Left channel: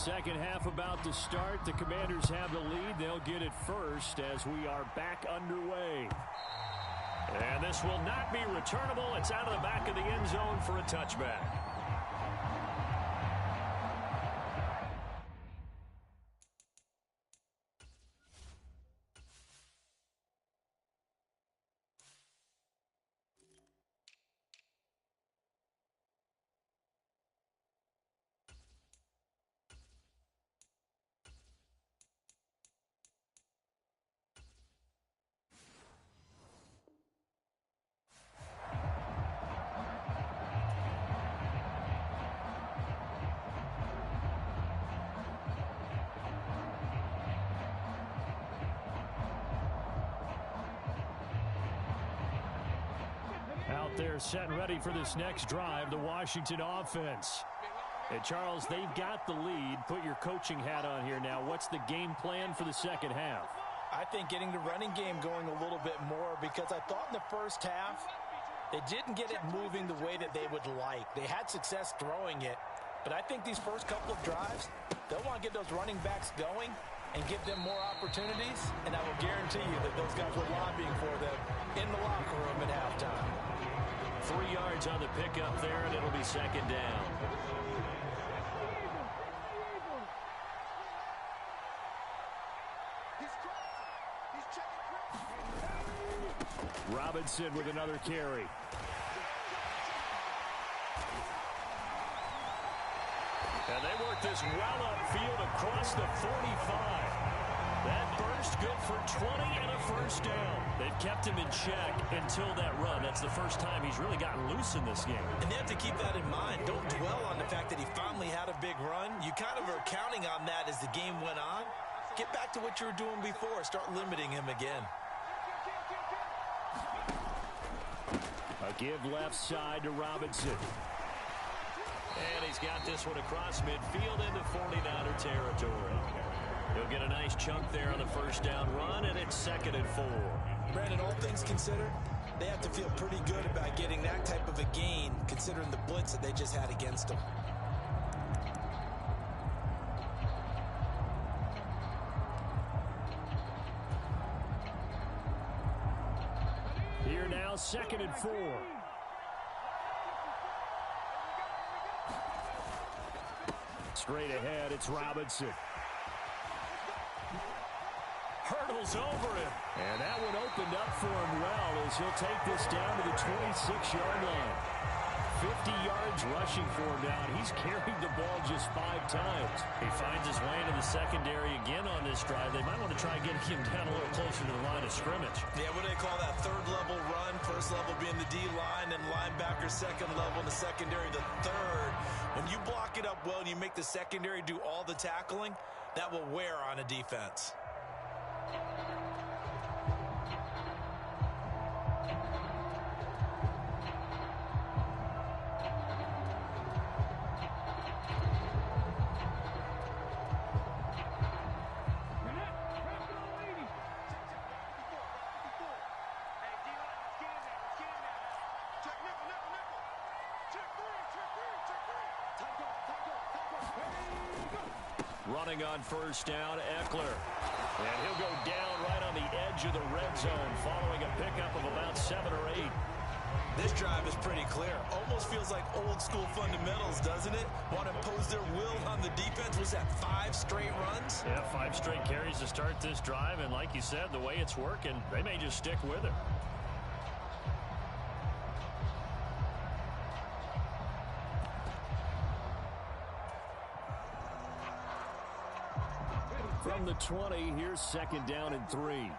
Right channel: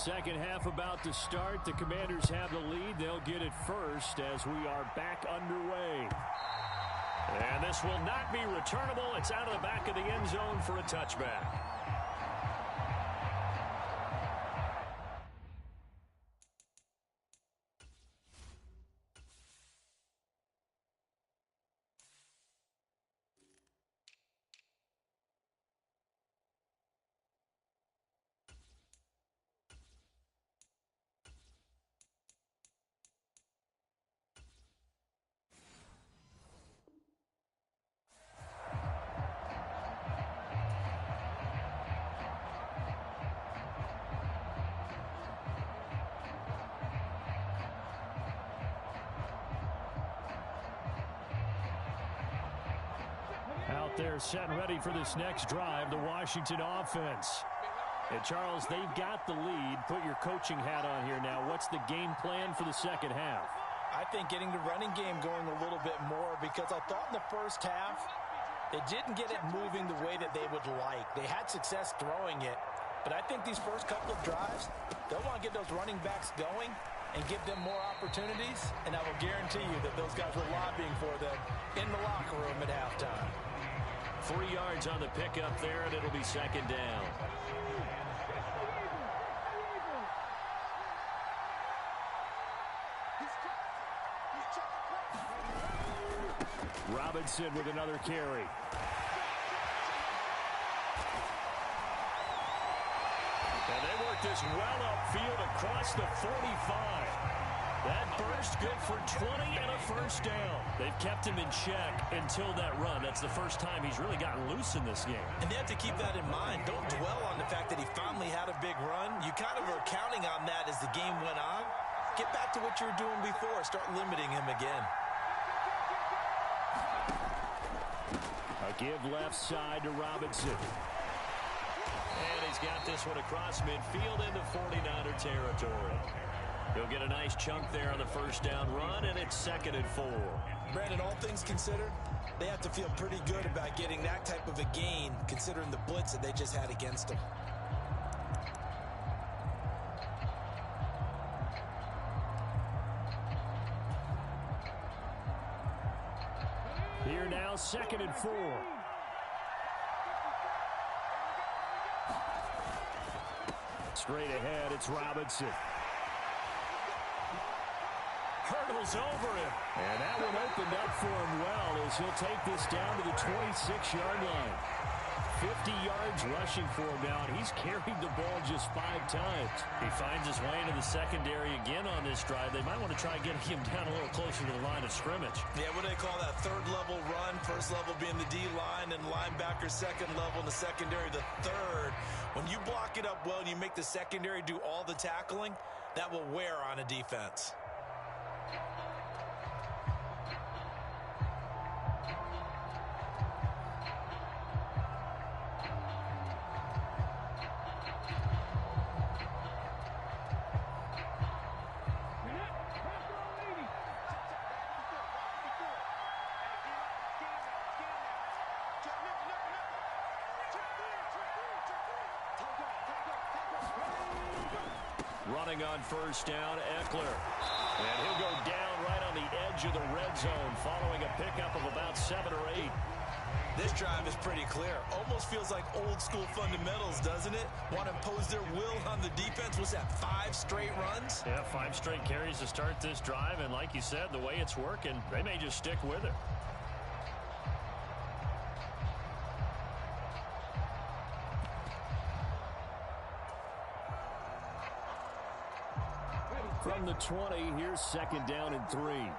Second half about to start. The Commanders have the lead. They'll get it first as we are back underway. And this will not be returnable. It's out of the back of the end zone for a touchback. Out there set and ready for this next drive, the Washington offense. And Charles, they've got the lead. Put your coaching hat on here now. What's the game plan for the second half? I think getting the running game going a little bit more, because I thought in the first half they didn't get it moving the way that they would like. They had success throwing it, but I think these first couple of drives, they'll want to get those running backs going and give them more opportunities, and I will guarantee you that those guys were lobbying for them in the locker room at halftime. 3 yards on the pickup there, and it'll be second down. Robinson with another carry. And they work this well upfield across the 45. That burst good for 20 and a first down. They've kept him in check until that run. That's the first time he's really gotten loose in this game. And they have to keep that in mind. Don't dwell on the fact that he finally had a big run. You kind of are counting on that as the game went on. Get back to what you were doing before. Start limiting him again. A give left side to Robinson. And he's got this one across midfield into 49er territory. He'll get a nice chunk there on the first down run, and it's 2nd and 4. Brandon, all things considered, they have to feel pretty good about getting that type of a gain, considering the blitz that they just had against them. Here now, 2nd and 4. Straight ahead, it's Robinson. Hurdles over him. And that one opened up for him well as he'll take this down to the 26-yard line. 50 yards rushing for him now, and he's carried the ball just 5 times. He finds his way into the secondary again on this drive. They might want to try getting him down a little closer to the line of scrimmage. Yeah, what do they call that? 3rd level run. 1st level being the D-line, and linebacker 2nd level, and the secondary the 3rd. When you block it up well and you make the secondary do all the tackling, that will wear on a defense. Running on first down, Eckler. And he'll go down right on the edge of the red zone following a pickup of about 7 or 8. This drive is pretty clear. Almost feels like old school fundamentals, doesn't it? Want to impose their will on the defense. Was that 5 straight runs? Yeah, 5 straight carries to start this drive. And like you said, the way it's working, they may just stick with it. From the 20, here's 2nd down and 3.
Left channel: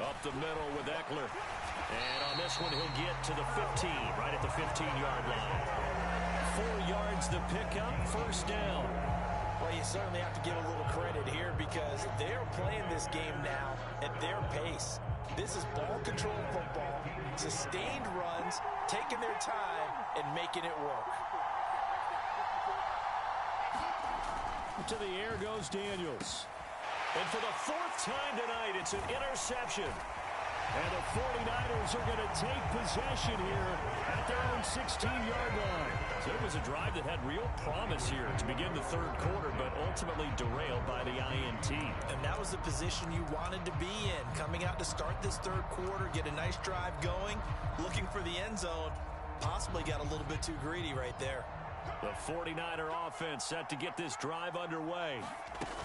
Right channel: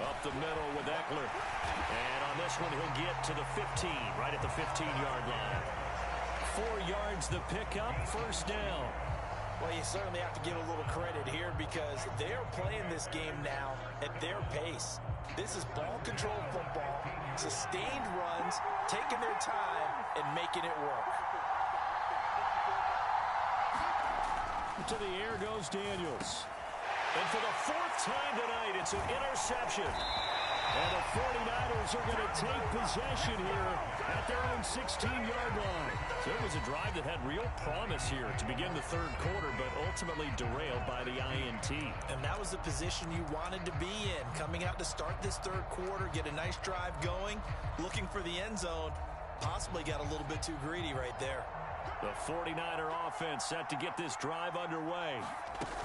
Up the middle with Eckler. And on this one, he'll get to the 15, right at the 15-yard line. 4 yards the pickup, first down. Well, you certainly have to give a little credit here because they're playing this game now at their pace. This is ball control football, sustained runs, taking their time, and making it work. To the air goes Daniels. And for the 4th time tonight, it's an interception. And the 49ers are going to take possession here at their own 16-yard line. So it was a drive that had real promise here to begin the third quarter, but ultimately derailed by the INT. And that was the position you wanted to be in. Coming out to start this third quarter, get a nice drive going, looking for the end zone. Possibly got a little bit too greedy right there. The 49er offense set to get this drive underway.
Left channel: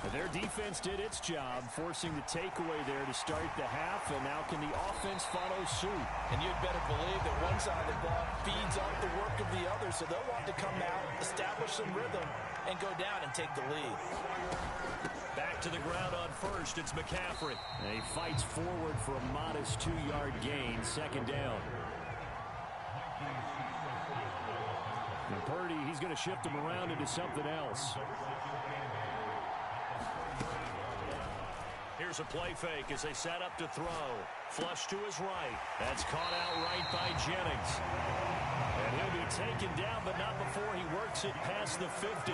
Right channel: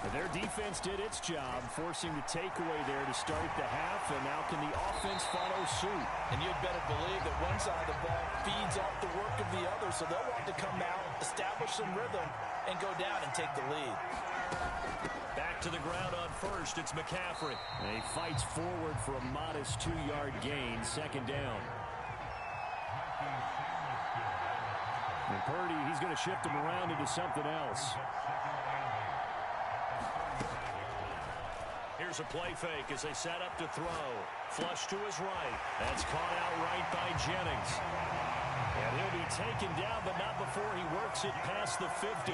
And their defense did its job, forcing the takeaway there to start the half, and now can the offense follow suit? And you'd better believe that one side of the ball feeds off the work of the other, so they'll want to come out, establish some rhythm, and go down and take the lead. Back to the ground on first, it's McCaffrey. And he fights forward for a modest 2-yard gain, second down. And Purdy, he's going to shift him around into something else. Here's a play fake as they set up to throw. Flush to his right. That's caught out right by Jennings. And he'll be taken down, but not before he works it past the 50.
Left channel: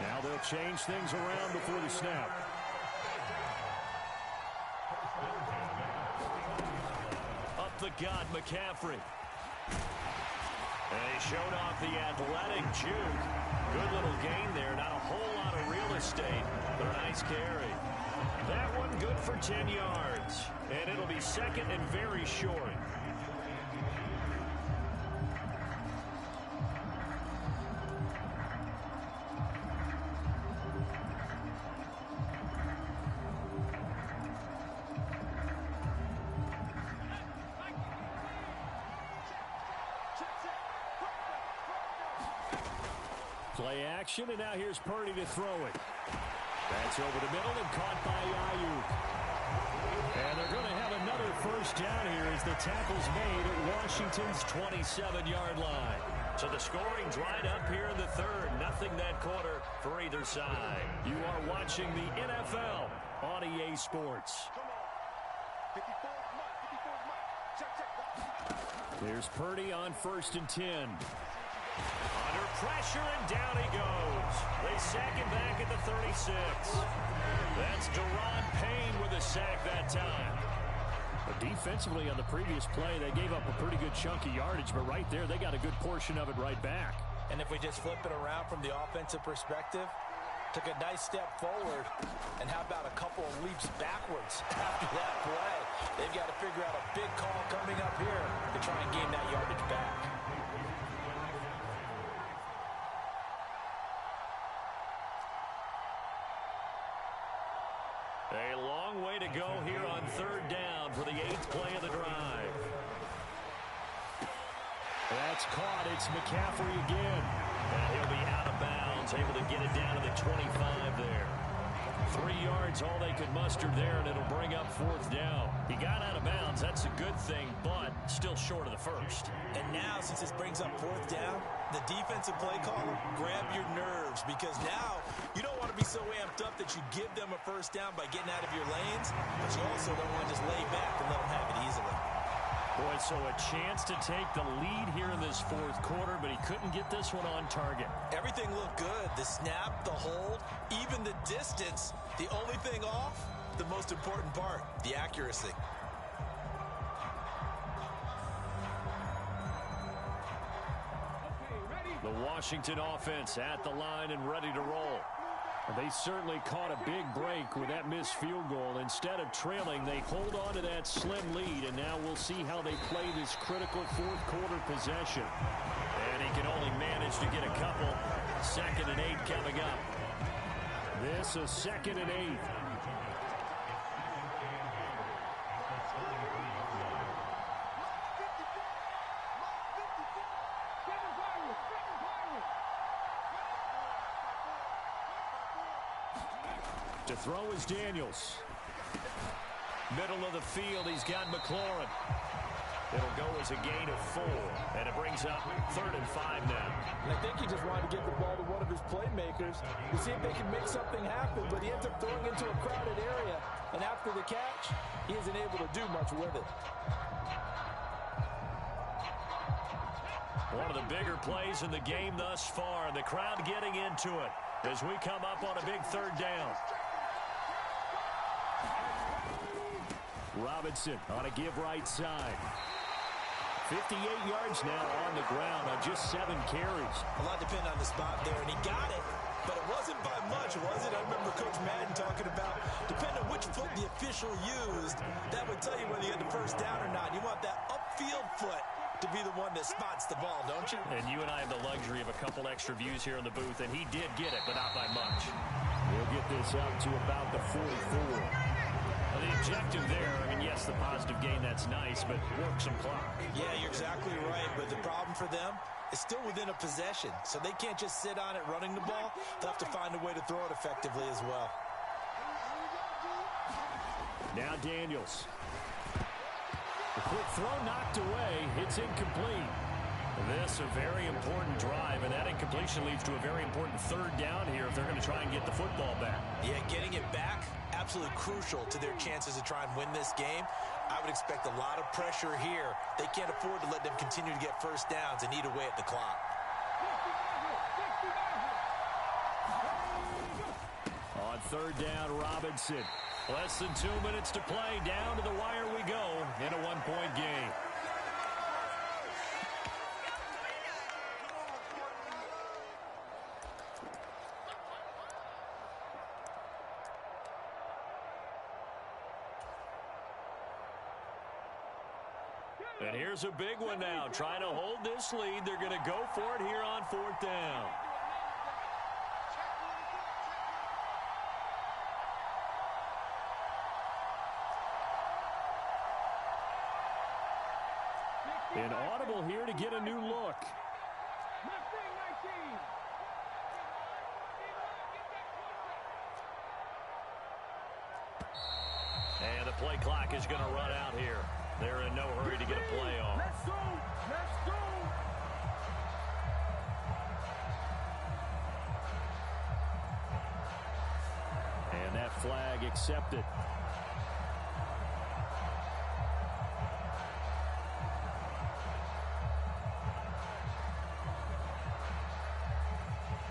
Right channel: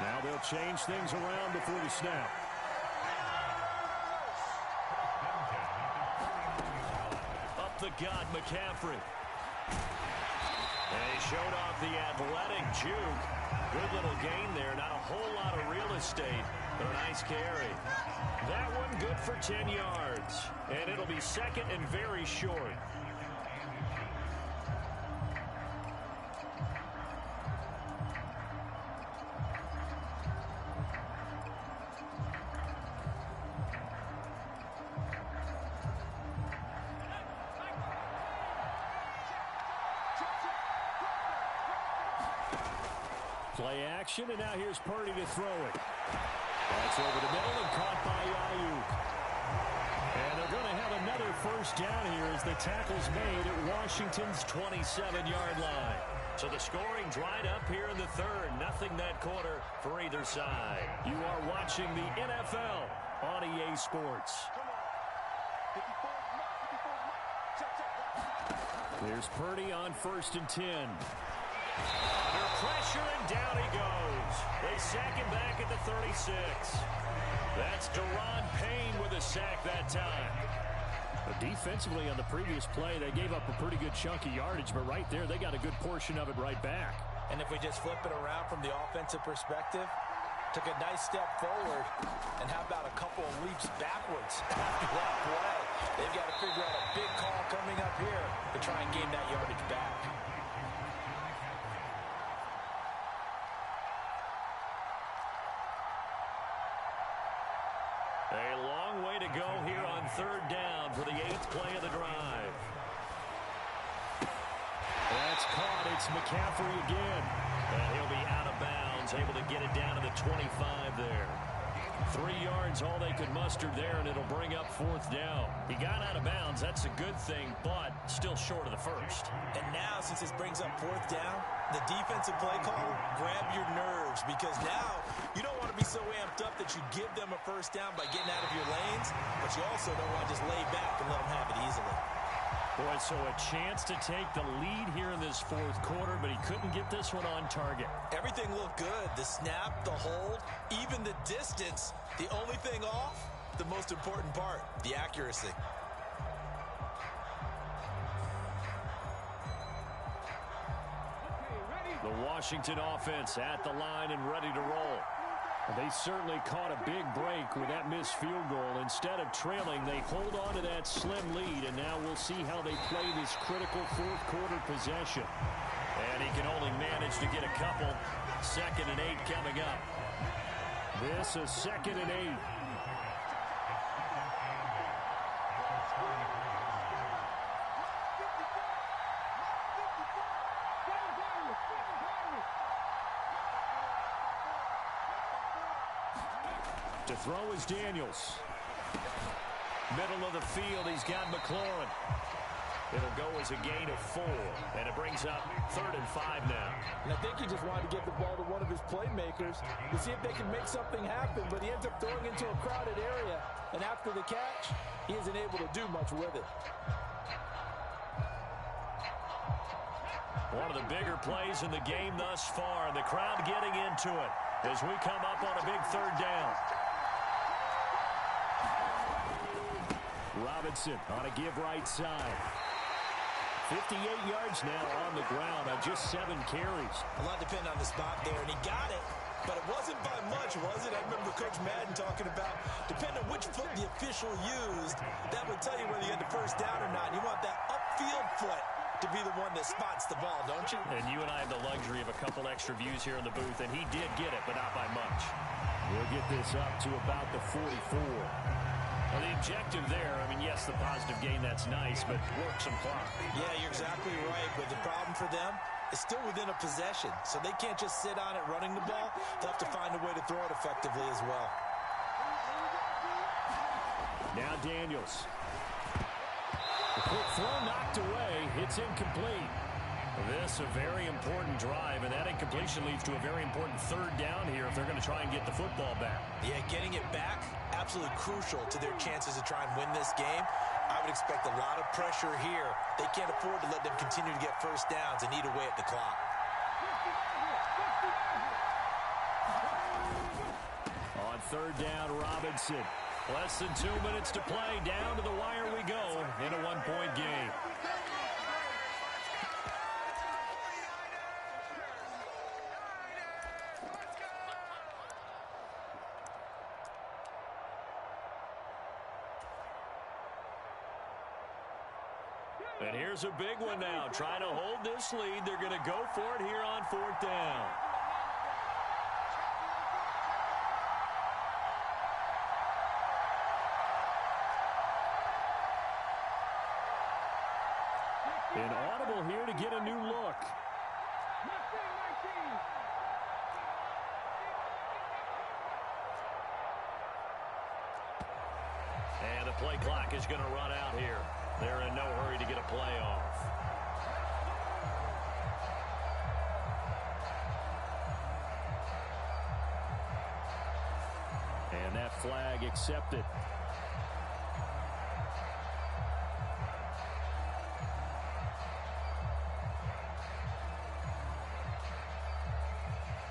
Now they'll change things around before the snap. Up the gut, McCaffrey. And he showed off the athletic juke. Good little gain there. Not a whole lot of real estate, but a nice carry. That one good for 10 yards. And it'll be second and very short. Play action, and now here's Purdy to throw it. That's over the middle and caught by Ayuk. And they're going to have another first down here as the tackle's made at Washington's 27-yard line. So the scoring dried up here in the third. Nothing that quarter for either side. You are watching the NFL on EA Sports. Here's Purdy on 1st and 10. Under pressure, and down he goes. They sack him back at the 36. That's Deron Payne with a sack that time. But defensively on the previous play, they gave up a pretty good chunk of yardage, but right there, they got a good portion of it right back. And if we just flip it around from the offensive perspective, took a nice step forward, and how about a couple of leaps backwards after that play? They've got to figure out a big call coming up here to try and gain that yardage back. A long way to go here on third down for the 8th play of the drive. That's caught. It's McCaffrey again. And he'll be out of bounds, able to get it down to the 25 there. 3 yards, all they could muster there, and it'll bring up 4th down. He got out of bounds. That's a good thing, but still short of the first. And now, since this brings up 4th down, the defensive play caller, grab your nerves, because now you don't want to be so amped up that you give them a first down by getting out of your lanes, but you also don't want to just lay back and let them have it easily. Boy, so a chance to take the lead here in this 4th quarter, but he couldn't get this one on target. Everything looked good. The snap, the hold, even the distance. The only thing off, the most important part, the accuracy. The Washington offense at the line and ready to roll. They certainly caught a big break with that missed field goal. Instead of trailing, they hold on to that slim lead, and now we'll see how they play this critical 4th quarter possession. And he can only manage to get a couple. 2nd and 8 coming up. This is 2nd and 8. To throw is Daniels. Middle of the field, he's got McLaurin. It'll go as a gain of 4, and it brings up 3rd and 5 now. And I think he just wanted to get the ball to one of his playmakers to see if they can make something happen, but he ends up throwing into a crowded area, and after the catch, he isn't able to do much with it. One of the bigger plays in the game thus far, and the crowd getting into it as we come up on a big 3rd down. Robinson on a give right side. 58 yards now on the ground on just 7 carries. A lot depending on the spot there, and he got it. But it wasn't by much, was it? I remember Coach Madden talking about, depending on which foot the official used, that would tell you whether you had the first down or not. You want that upfield foot to be the one that spots the ball, don't you? And you and I have the luxury of a couple extra views here in the booth, and he did get it, but not by much. He'll get this up to about the 44. Well, the objective there, I mean, yes, the positive gain, that's nice, but work some clock. Yeah, you're exactly right, but the problem for them, it's still within a possession, so they can't just sit on it running the ball. They'll have to find a way to throw it effectively as well. Now Daniels. The quick throw knocked away. It's incomplete. This a very important drive, and that incompletion leads to a very important third down here if they're going to try and get the football back. Yeah, getting it back, absolutely crucial to their chances to try and win this game. I would expect a lot of pressure here. They can't afford to let them continue to get first downs and eat away at the clock. On third down, Robinson. Less than 2 minutes to play. Down to the wire we go in a one-point game. And here's a big one now. Trying to hold this lead. They're going to go for it here on fourth down. An audible here to get a new look. And the play clock is going to run out here. They're in no hurry to get a play off. And that flag accepted.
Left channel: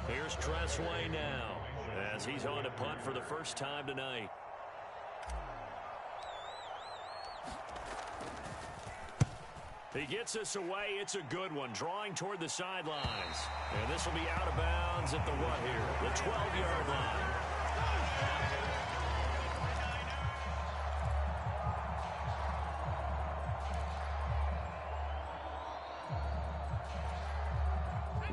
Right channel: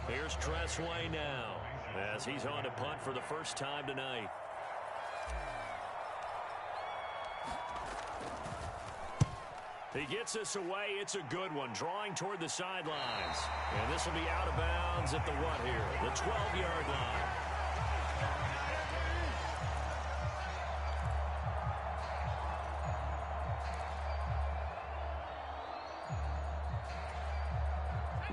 Here's Tressway now as he's on to punt for the first time tonight. He gets us away. It's a good one. Drawing toward the sidelines. And this will be out of bounds at the what here? The 12-yard line.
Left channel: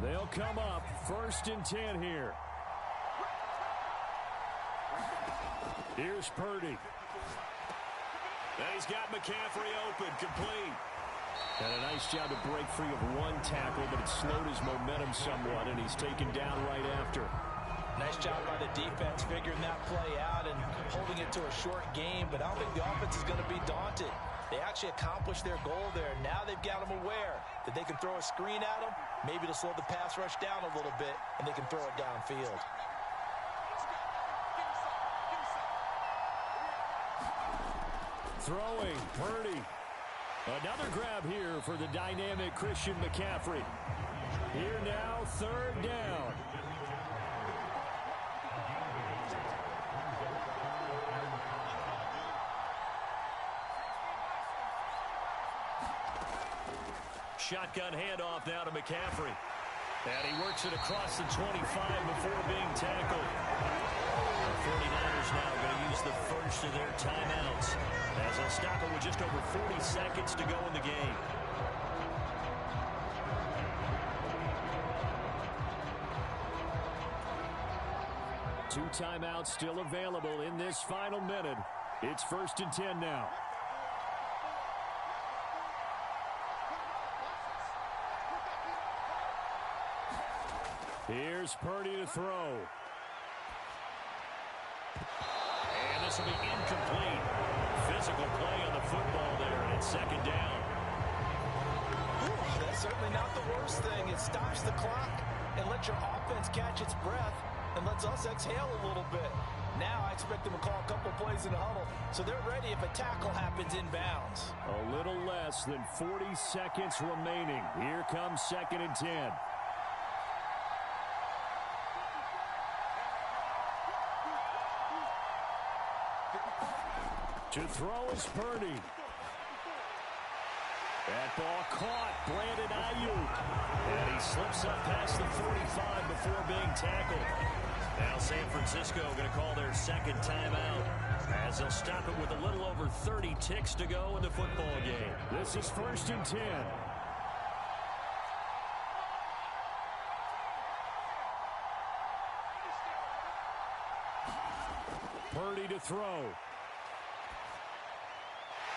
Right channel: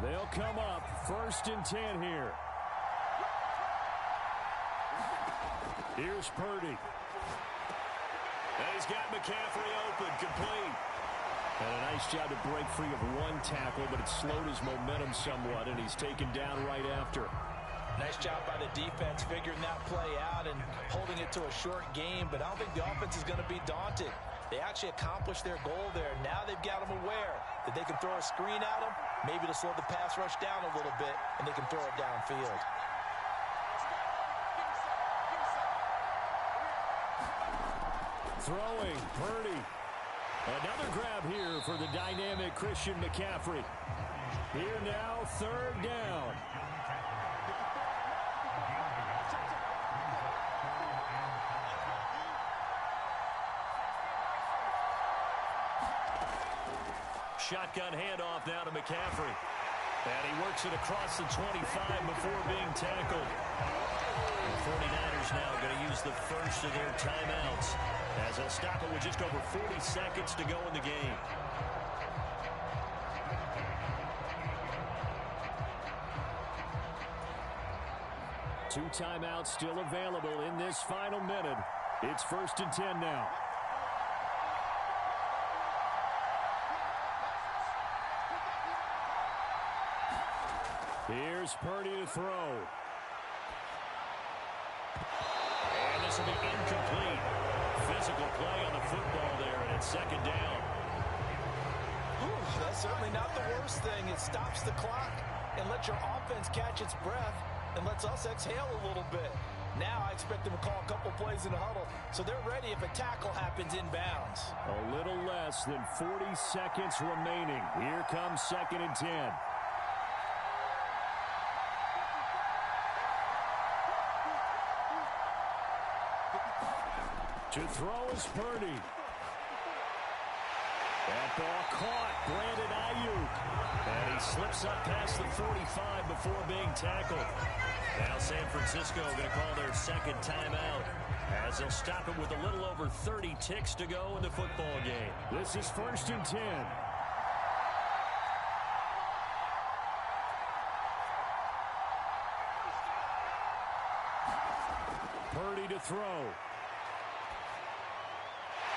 They'll come up 1st and 10 here. Here's Purdy. And he's got McCaffrey open, complete. And a nice job to break free of one tackle, but it slowed his momentum somewhat, and he's taken down right after. Nice job by the defense figuring that play out and holding it to a short game, but I don't think the offense is going to be daunted. They actually accomplished their goal there. Now they've got them aware that they can throw a screen at them, maybe to slow the pass rush down a little bit, and they can throw it downfield. Throwing, Purdy. Another grab here for the dynamic Christian McCaffrey. Here now, 3rd down. Shotgun handoff now to McCaffrey. And he works it across the 25 before being tackled. The 49ers now going to use the first of their timeouts as they'll stop it with just over 40 seconds to go in the game. Two timeouts still available in this final minute. It's 1st and 10 now. Here's Purdy to throw. And this will be incomplete. Physical play on the football there, and it's 2nd down. That's certainly not the worst thing. It stops the clock and lets your offense catch its breath and lets us exhale a little bit. Now I expect them to call a couple plays in the huddle, so they're ready if a tackle happens inbounds. A little less than 40 seconds remaining. Here comes 2nd and 10. To throw is Purdy. That ball caught. Brandon Ayuk. And he slips up past the 45 before being tackled. Now San Francisco going to call their second timeout, as they'll stop it with a little over 30 ticks to go in the football game. This is 1st and 10. Purdy to throw.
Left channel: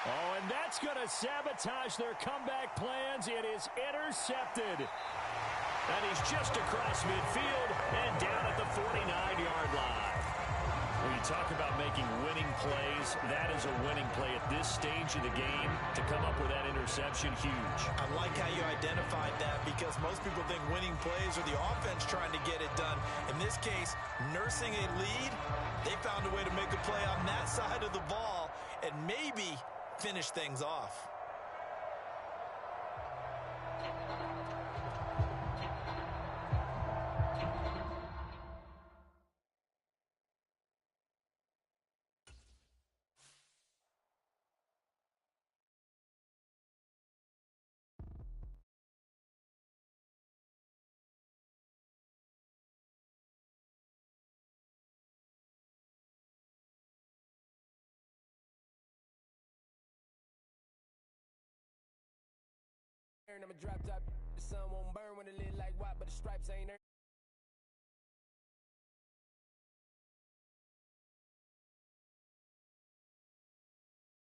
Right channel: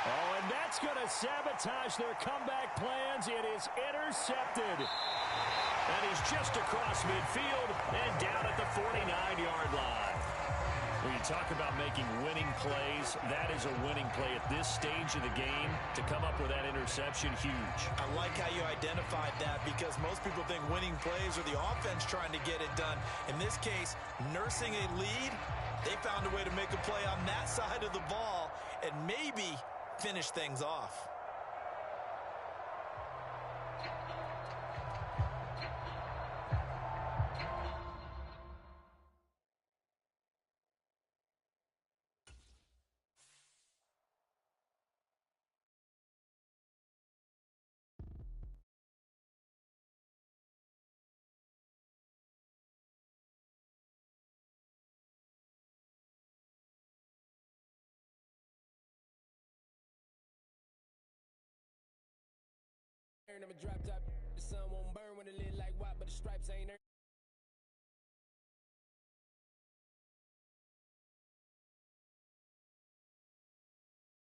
Oh, and that's going to sabotage their comeback plans. It is intercepted. And he's just across midfield and down at the 49-yard line. When you talk about making winning plays, that is a winning play at this stage of the game. To come up with that interception, huge. I like how you identified that, because most people think winning plays are the offense trying to get it done. In this case, nursing a lead, they found a way to make a play on that side of the ball and maybe finish things off. I'm a drop top, the sun won't burn when it lit like white, but the stripes ain't